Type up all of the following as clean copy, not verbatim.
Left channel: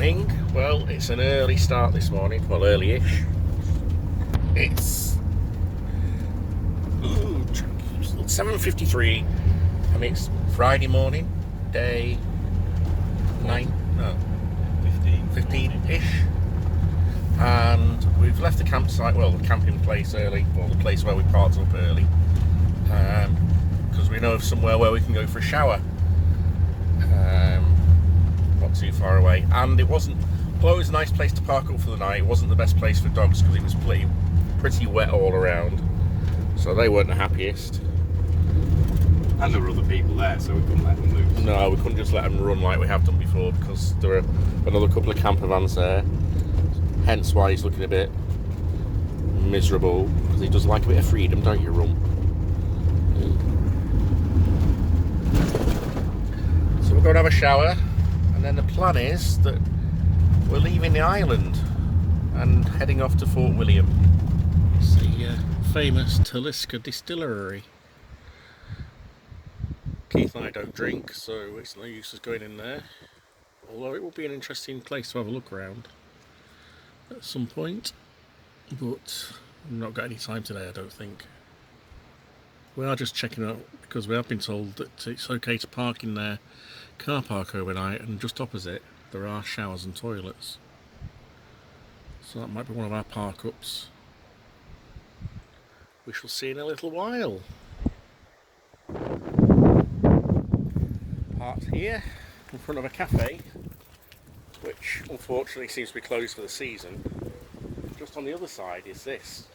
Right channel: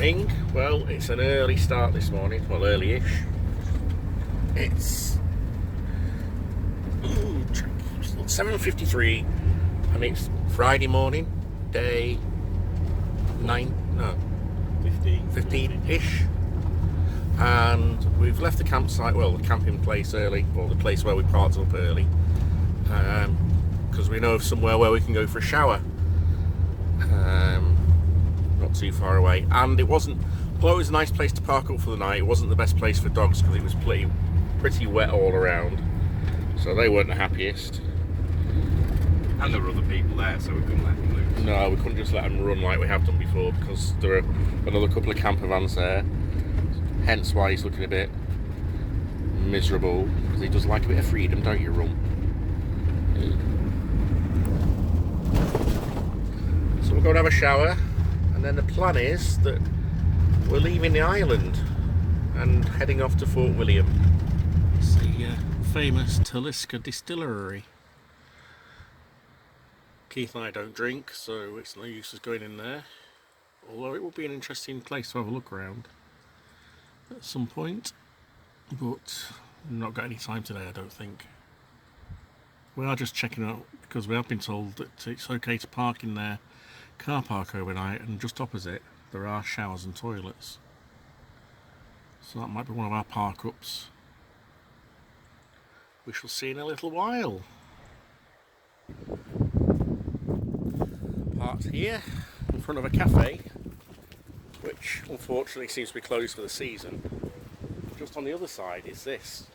morning. Well, it's an early start this morning, well, early-ish. It's 7:53 and it's Friday morning, day 15-ish, and we've left the campsite, well, the camping place early, or the place where we parked up early, because we know of somewhere where we can go for a shower. Not too far away, and it wasn't, although it was a nice place to park up for the night, it wasn't the best place for dogs because it was pretty wet all around, so they weren't the happiest. And there were other people there, so we couldn't let them loose. No, we couldn't just let them run like we have done before, because there are another couple of campervans there, hence why he's looking a bit miserable, because he does like a bit of freedom, don't you, Rum? So we're going to have a shower, and then the plan is that we're leaving the island and heading off to Fort William. It's the famous Talisker Distillery. Keith and I don't drink, so it's no use us going in there. Although it will be an interesting place to have a look around at some point. But we've not got any time today, I don't think. We are just checking out, because we have been told that it's okay to park in their car park overnight, and just opposite there are showers and toilets. So that might be one of our park ups. We shall see in a little while. Parked here in front of a cafe, which unfortunately seems to be closed for the season. Just on the other side is this.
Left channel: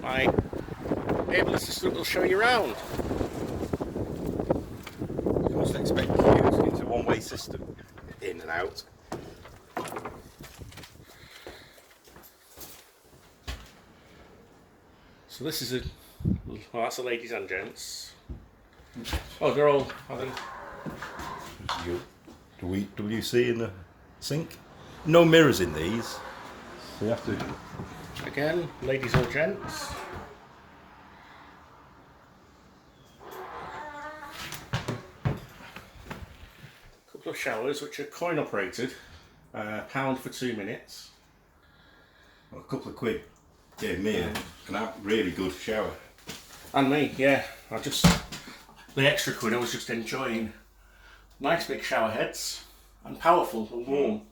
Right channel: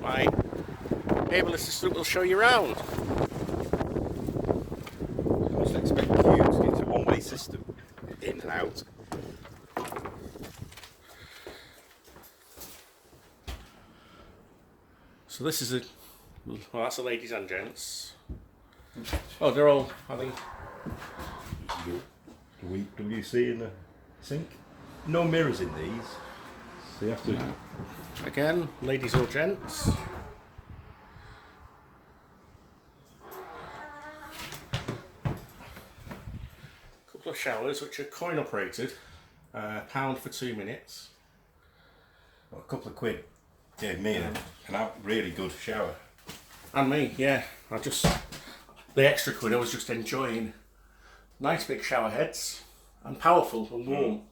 My able assistant will show you around. I must expect you to use a one-way system, in and out. So this is well, that's the ladies and gents. Oh, they're all having WC in the sink. No mirrors in these, so you have to. again, ladies or gents. Couple of showers which are coin operated, £1 for 2 minutes. Well, a couple of quid gave me a really good shower. And me, yeah. The extra quid I was just enjoying. Nice big shower heads, and powerful and warm.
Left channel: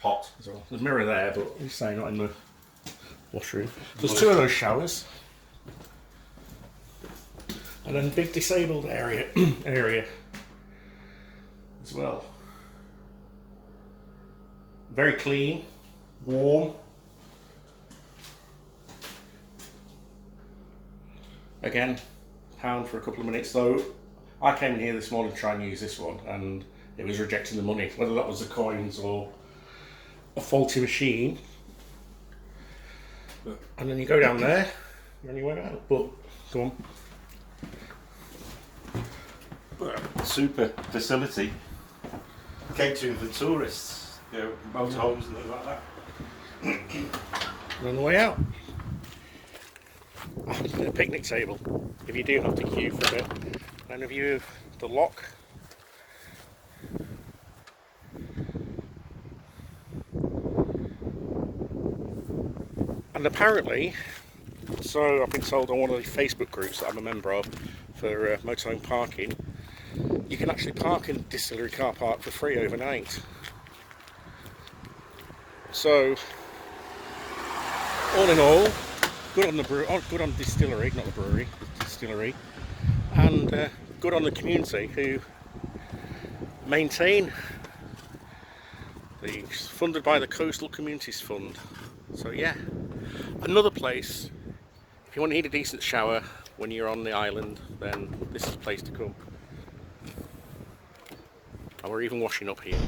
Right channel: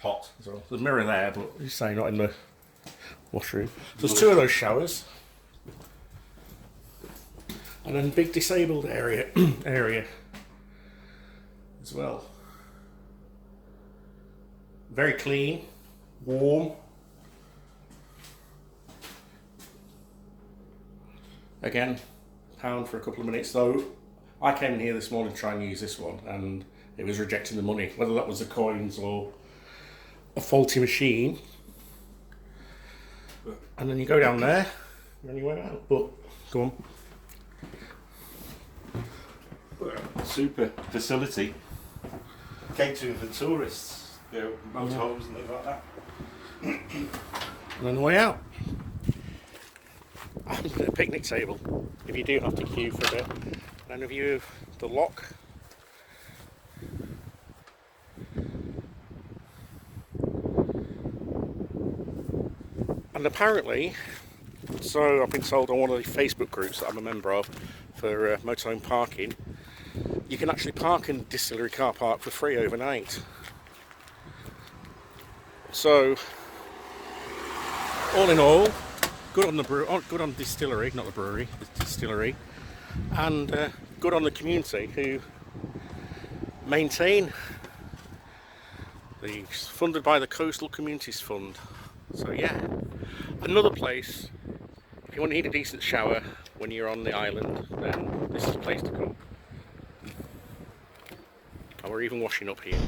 Hot. So there's a mirror there, but you say not in the washroom. So there's 2 of those showers. And then big disabled area as well. Very clean, warm. Again, £1 for a couple of minutes, though. I came in here this morning to try and use this one, and it was rejecting the money, whether that was the coins or a faulty machine. And then you go down there, and then you went out. But go on. Super facility. Catering for tourists. You know, motorhomes and things like that. And then the way out. A picnic table, if you do have to queue for a bit. And a view of the lock. And apparently, so I've been told on one of the Facebook groups that I'm a member of for motorhome parking, you can actually park in the distillery car park for free overnight. So, all in all, good on the good on the distillery, not the brewery, the distillery, and good on the community who maintain these, funded by the Coastal Communities Fund. So yeah, another place, if you want to need a decent shower when you're on the island, then this is the place to come. And we're even washing up here.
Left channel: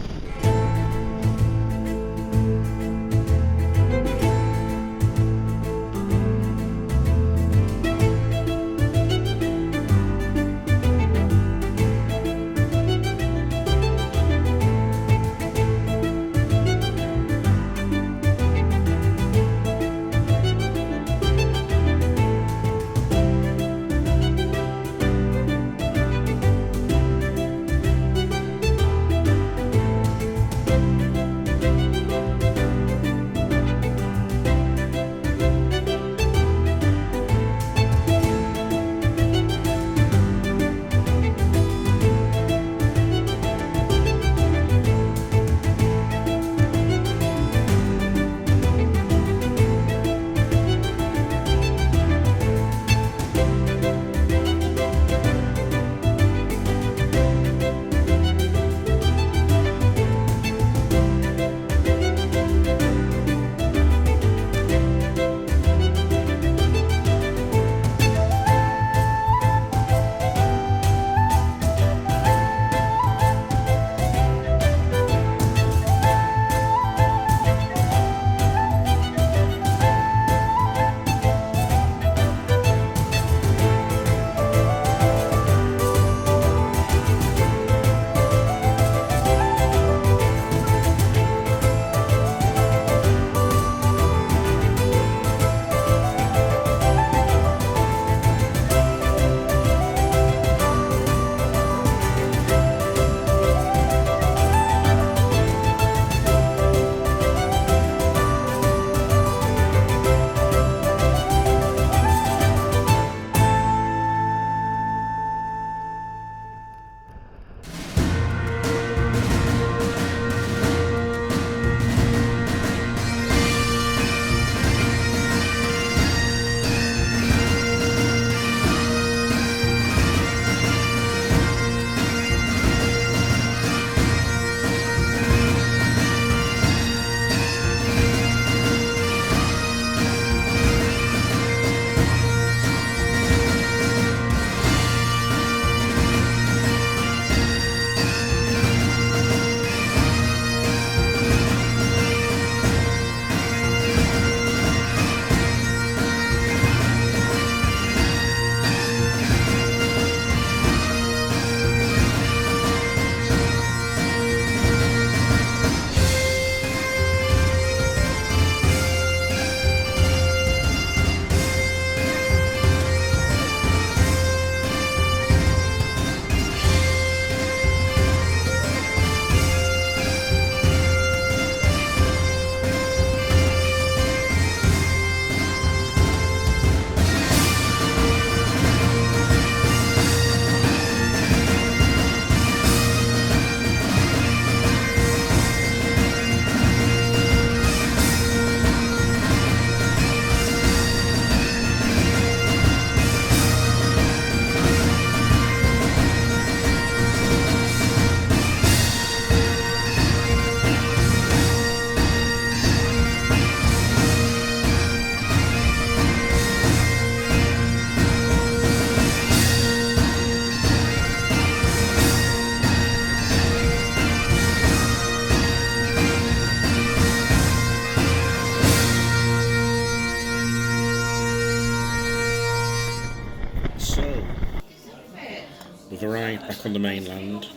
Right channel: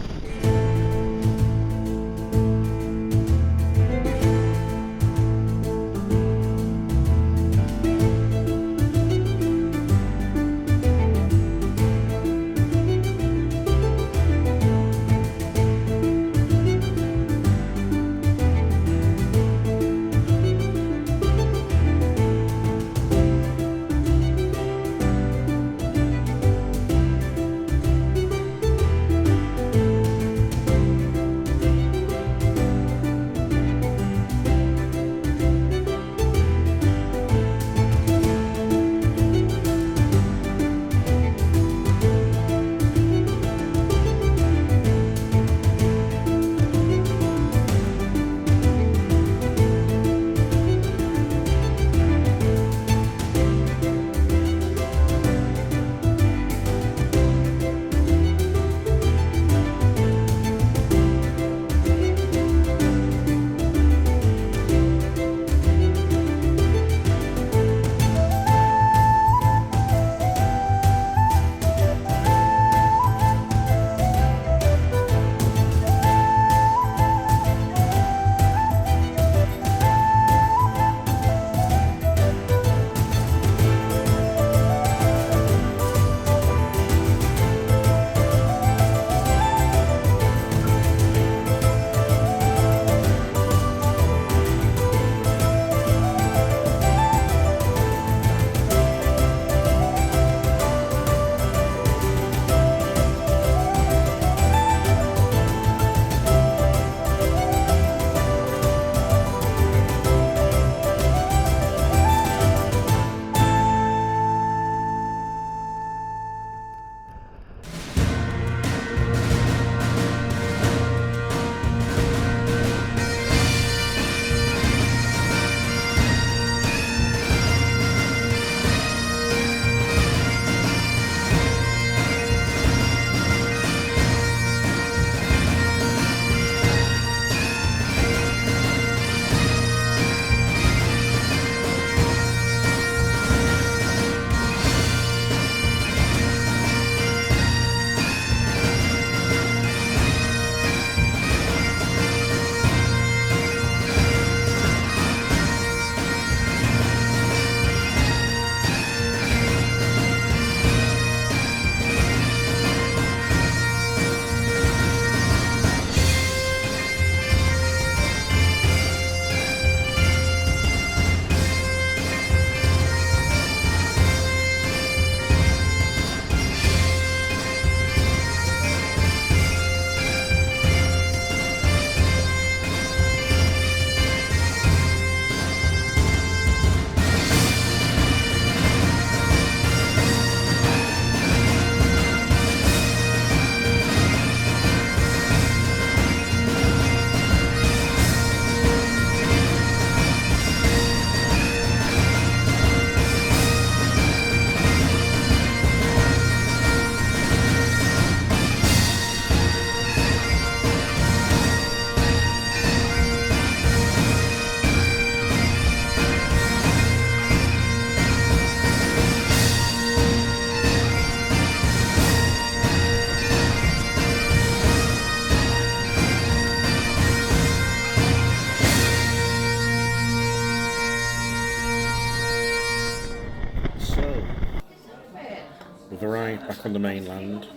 arrived back on the mainland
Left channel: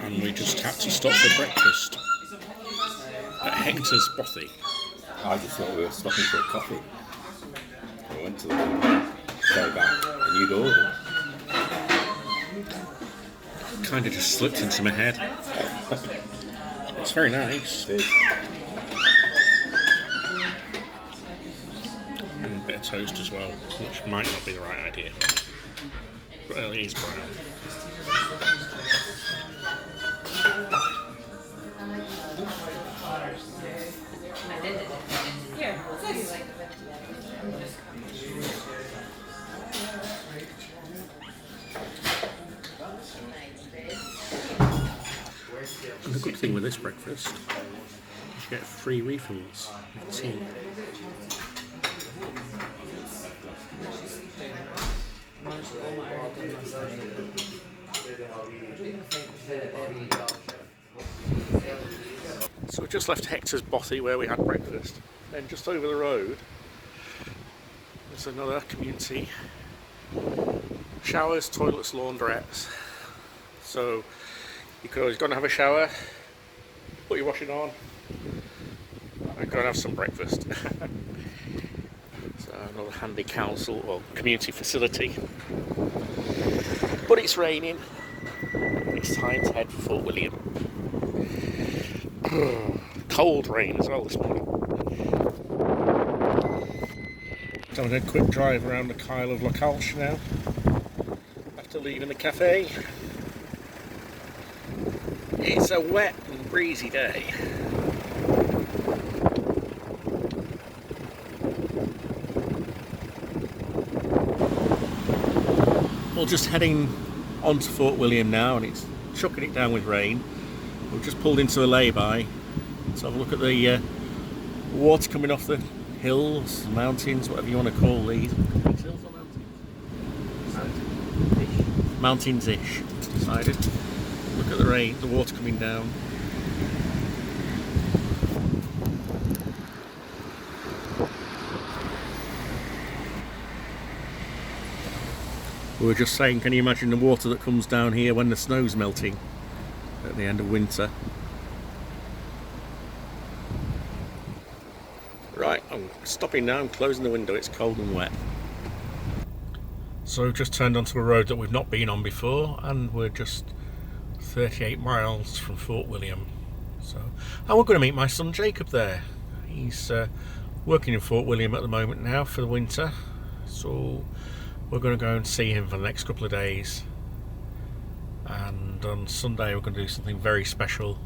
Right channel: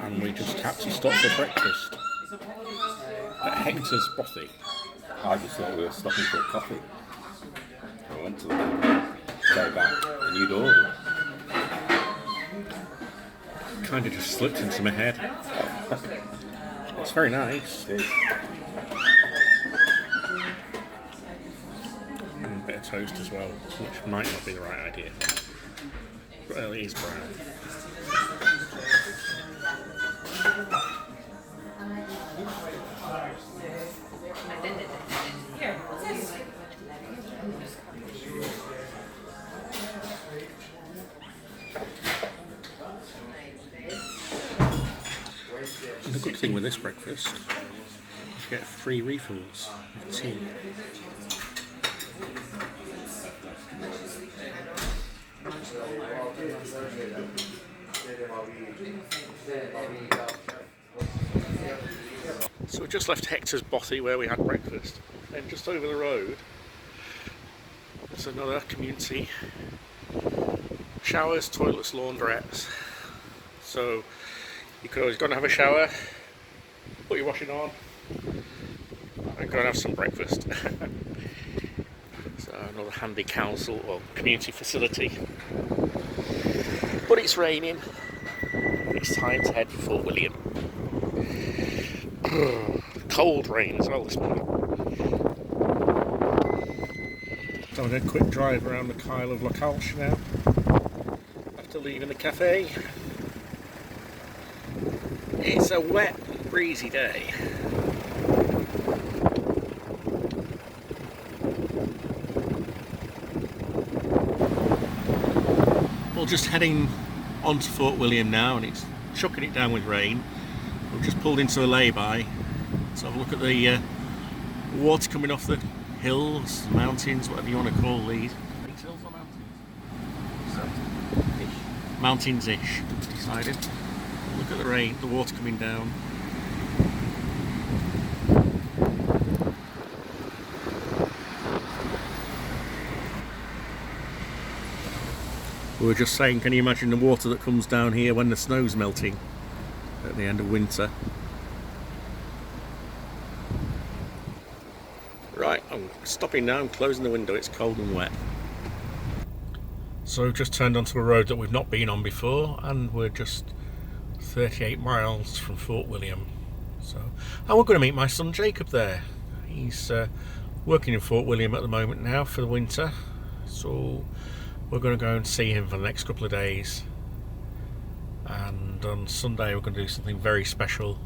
and we just had to stop for breakfast at Hector's Bothy. I just thought we were stopping for a coffee. I went to the go back and you'd ordered. Kind of just slipped into my head. It's very nice. It is. And a bit of toast as well, which might not be the right idea. But it is brown. And the good thing with this breakfast is you get free refills of tea. So we just left Hector's Bothy where we had breakfast. Then just over the road there's another community. Showers, toilets, laundrettes. So you could always go and have a shower, put your washing on, and go and have some breakfast. So another handy council or community facility. But it's raining. It's time to head for Fort William. Cold rain as well this morning. So I'm going to quick drive around the Kyle of Lochalsh now. After leaving the cafe. It's a wet and breezy day. We're just heading onto Fort William now and it's chucking it down with rain. We've just pulled into a lay-by to have a look at the water coming off the hills, mountains, whatever you want to call these. Hills or mountains? Mountains-ish, decided. Look at the rain, the water coming down. We were just saying, can you imagine the water that comes down here when the snow's melting at the end of winter? Right, I'm stopping now, I'm closing the window, it's cold and wet. So we've just turned onto a road that we've not been on before and we're just 38 miles from Fort William. And we're going to meet my son Jacob there. He's working in Fort William at the moment now for the winter. So we're going to go and see him for the next couple of days. And on Sunday we're going to do something very special.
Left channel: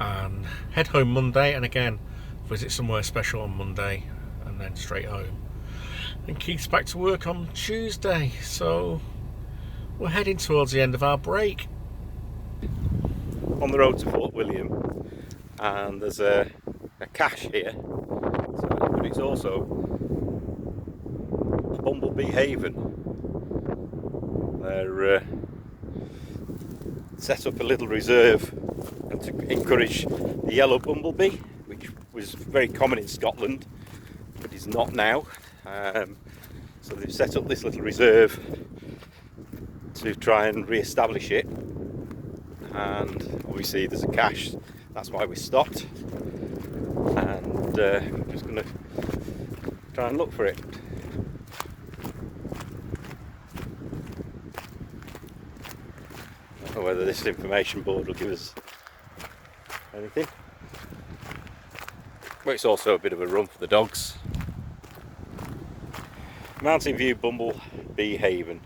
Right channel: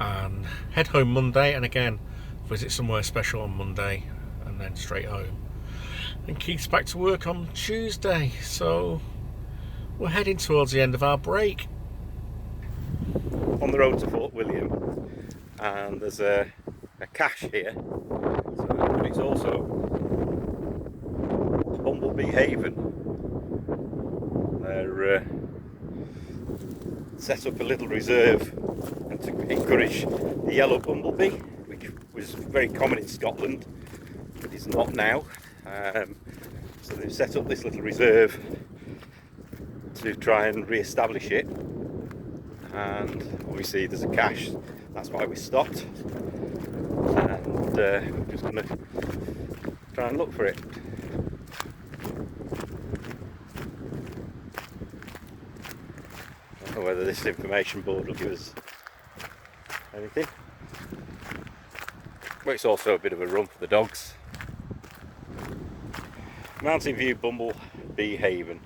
And head home Monday and again visit somewhere special on Monday and then straight home. And Keith's back to work on Tuesday. So we're heading towards the end of our break. On the road to Fort William, and there's a cache here, but it's also Bumblebee Haven. They're set up a little reserve to encourage the yellow bumblebee, which was very common in Scotland, but is not now. So they've set up this little reserve to try and re-establish it. And obviously there's a cache, that's why we stopped, and we're just going to try and look for it. I don't know whether this information board will give us anything, but it's also a bit of a run for the dogs. Mountain View Bumblebee Haven.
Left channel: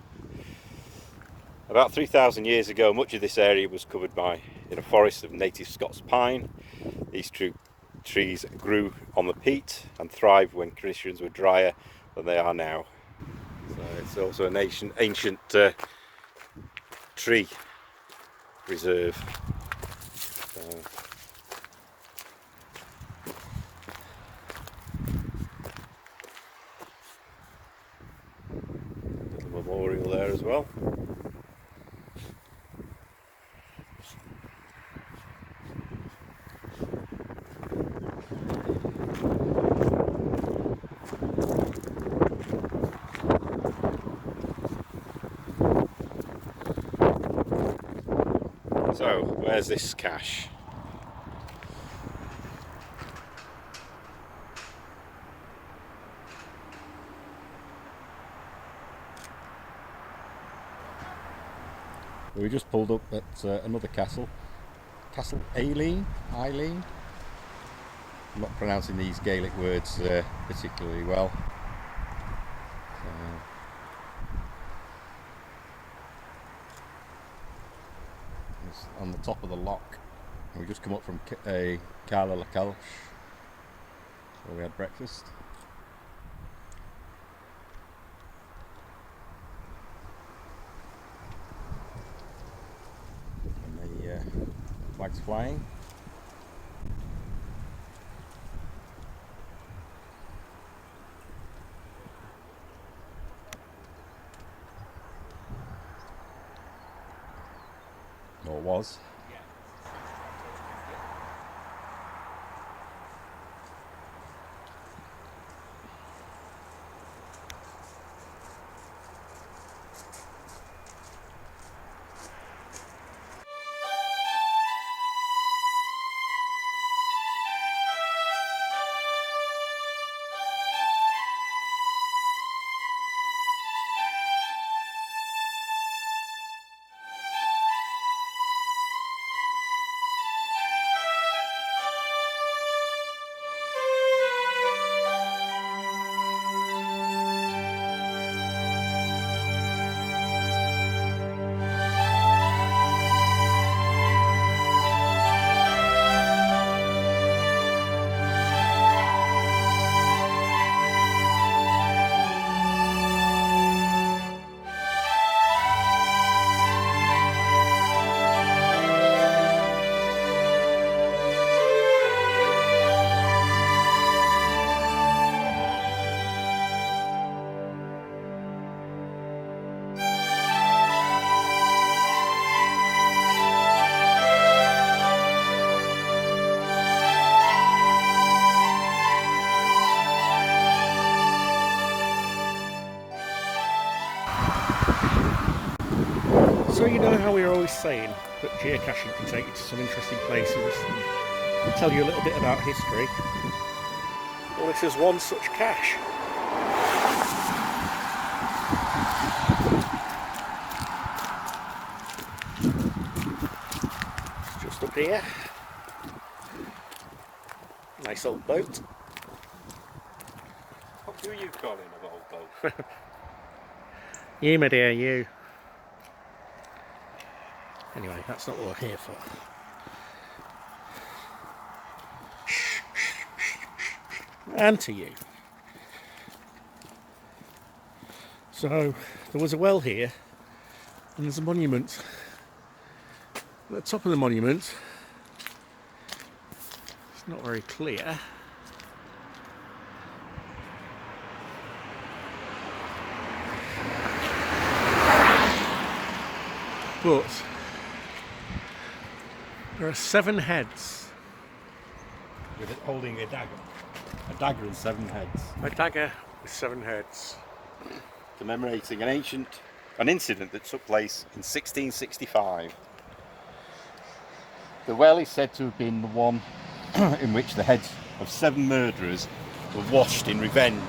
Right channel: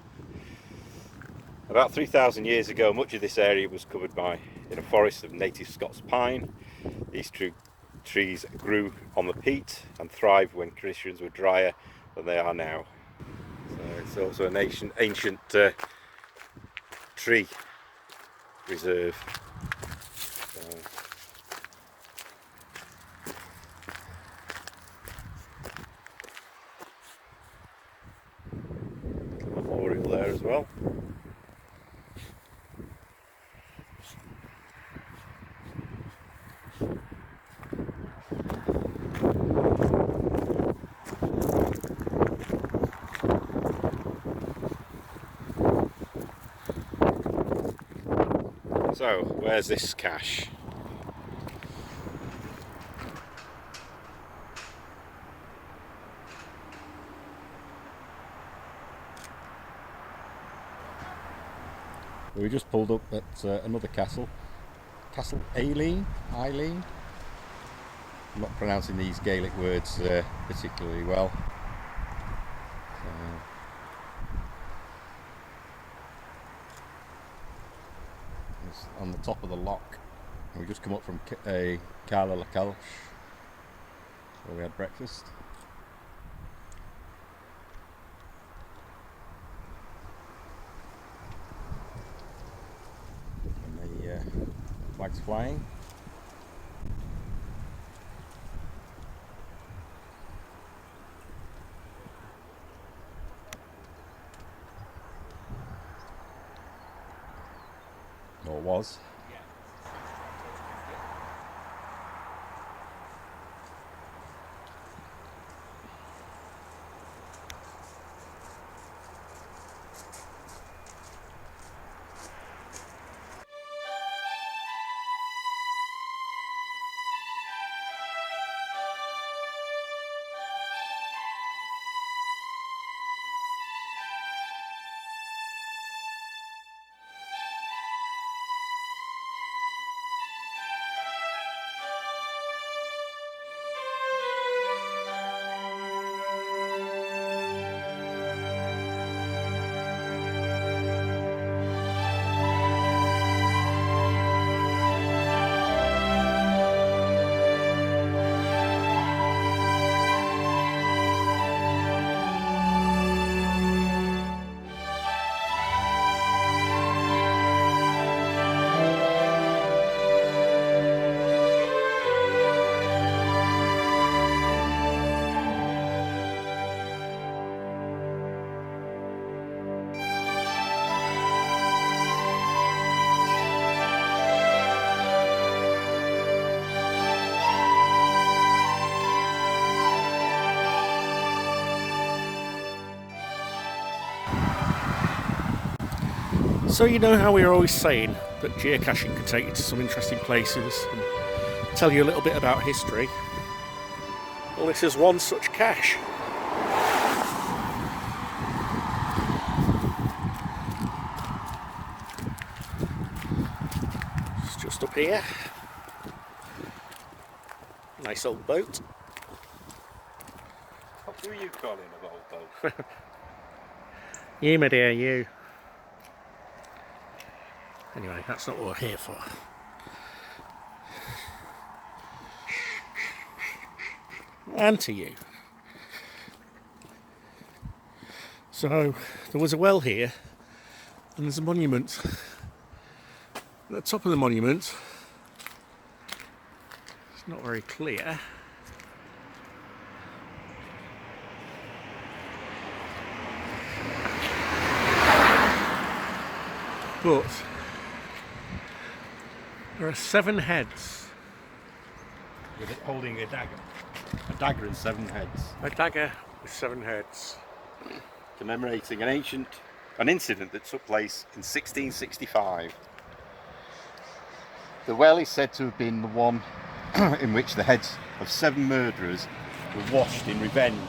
About 3,000 years ago, much of this area was covered in a forest of native Scots pine. These trees grew on the peat and thrived when conditions were drier than they are now. So it's also an ancient tree reserve. Memorial there as well. So, where's this cache? We just pulled up at another castle, Castle Eilean. I'm not pronouncing these Gaelic words particularly well. It's on the top of the loch. And we just come up from Carla La Calche, where we had breakfast. Flags flying. Or was. So you know how we're always saying that geocaching can take you to some interesting places and tell you a little bit about history? Well, this is one such cache. It's just up here. Nice old boat. What do you call it, an old boat? You, my dear, you. Anyway, that's not what we're here for. And to you. So, there was a well here, and there's a monument. At the top of the monument, it's not very clear. But there are 7 heads. With it holding a dagger. A dagger and 7 heads. A dagger with 7 heads. Commemorating an incident that took place in 1665. The well is said to have been the one in which the heads of 7 murderers were washed in revenge.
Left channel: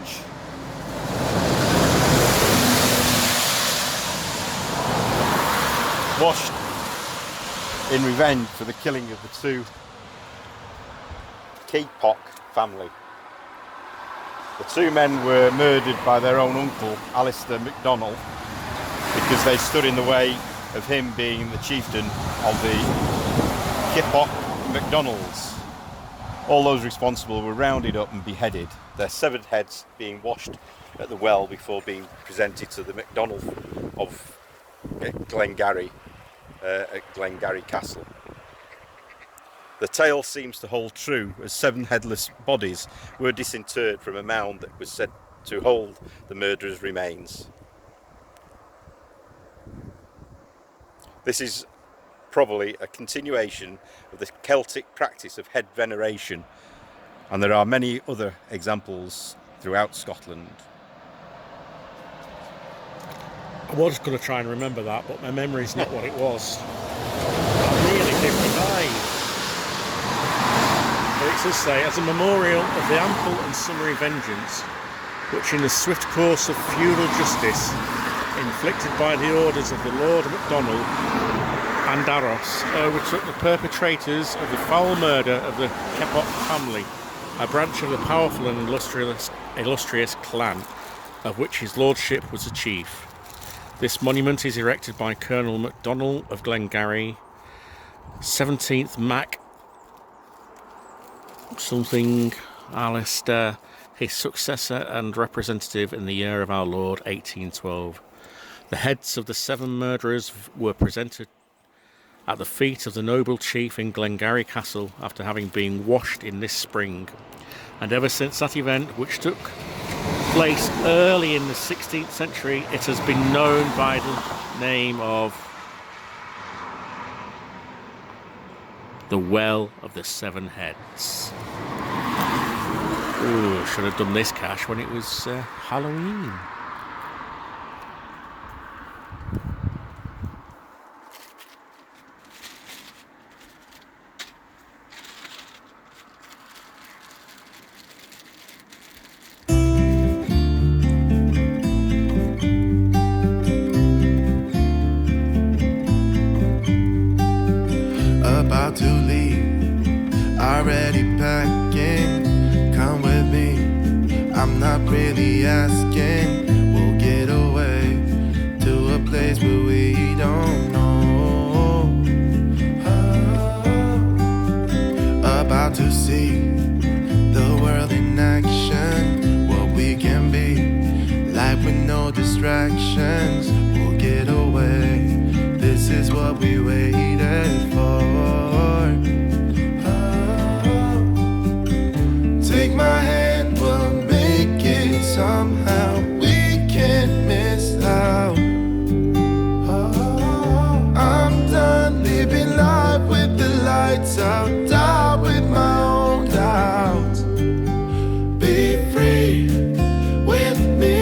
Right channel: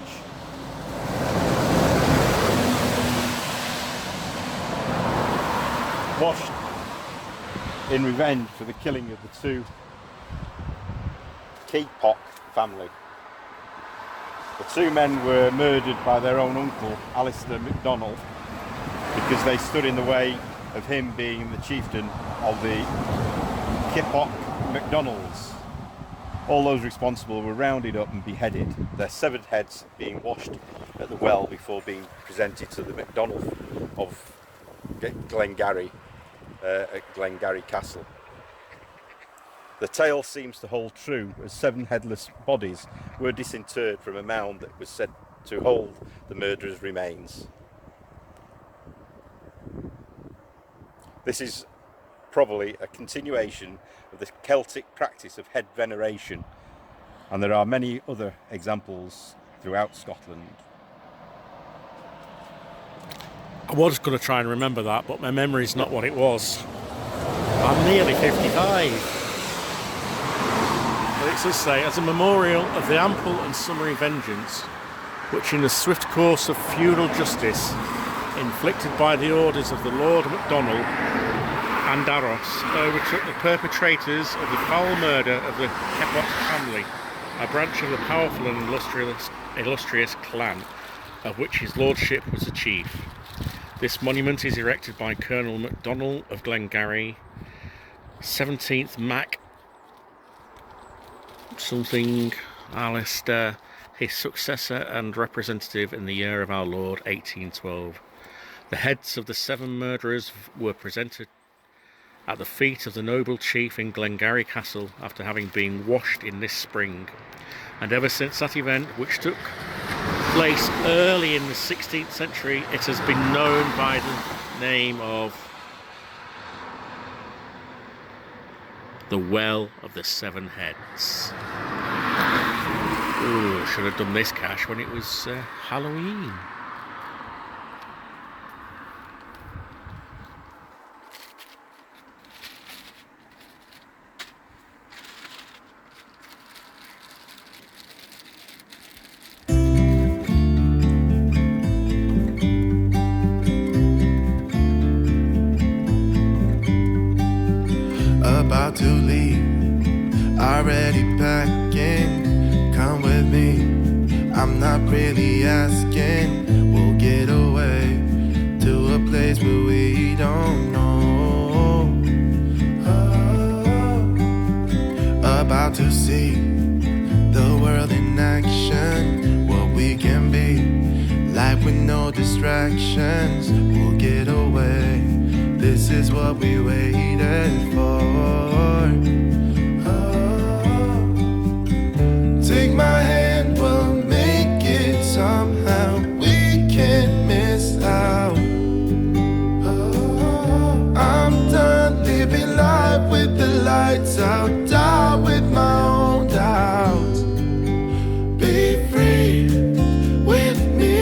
Washed in revenge for the killing of the 2 Keepock family. The 2 men were murdered by their own uncle, Alistair MacDonald, because they stood in the way of him being the chieftain of the Keepock MacDonalds. All those responsible were rounded up and beheaded, their severed heads being washed at the well before being presented to the MacDonald of Glengarry at Glengarry Castle. The tale seems to hold true, as 7 headless bodies were disinterred from a mound that was said to hold the murderers' remains. This is probably a continuation of the Celtic practice of head veneration, and there are many other examples throughout Scotland. I was going to try and remember that, but my memory's not what it was. nearly 55. But it does say, as a memorial of the ample and summary vengeance which in the swift course of feudal justice inflicted by the orders of the Lord Macdonald and Arros overtook the perpetrators of the foul murder of the Keppoch family, a branch of the powerful and illustrious clan of which his lordship was the chief. This monument is erected by Colonel MacDonald of Glengarry, 17th Mac something Alistair, his successor and representative in the year of our Lord 1812. The heads of the 7 murderers were presented at the feet of the noble chief in Glengarry Castle after having been washed in this spring. And ever since that event, which took place early in the 16th century, it has been known by the name of the Well of the 7 Heads. Ooh, should have done this cache when it was Halloween. About to leave, already packing. Come with me, I'm not really asking. We'll get away to a place where we don't know. About to see the world in action, what we can be, life with no distractions. We'll get away, this is what we waited for. Take my hand, we'll make it somehow. We can't miss out. I'm done living life with the lights out, down with my own doubts. Be free with me.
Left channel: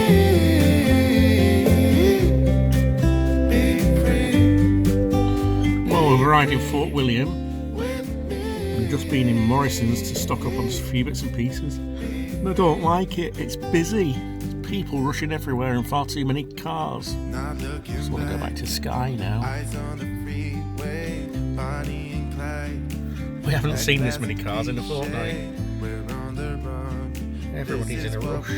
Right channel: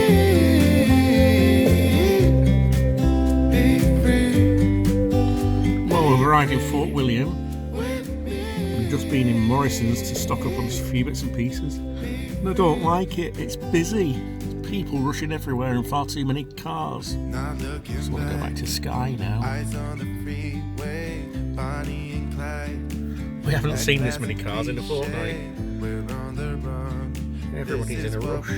Be free. Well, we've arrived in Fort William. We've just been in Morrison's to stock up on a few bits and pieces. And I don't like it, it's busy. There's people rushing everywhere and far too many cars. Just want to go back to Skye now. We haven't seen this many cars in a fortnight. Everybody's in a rush.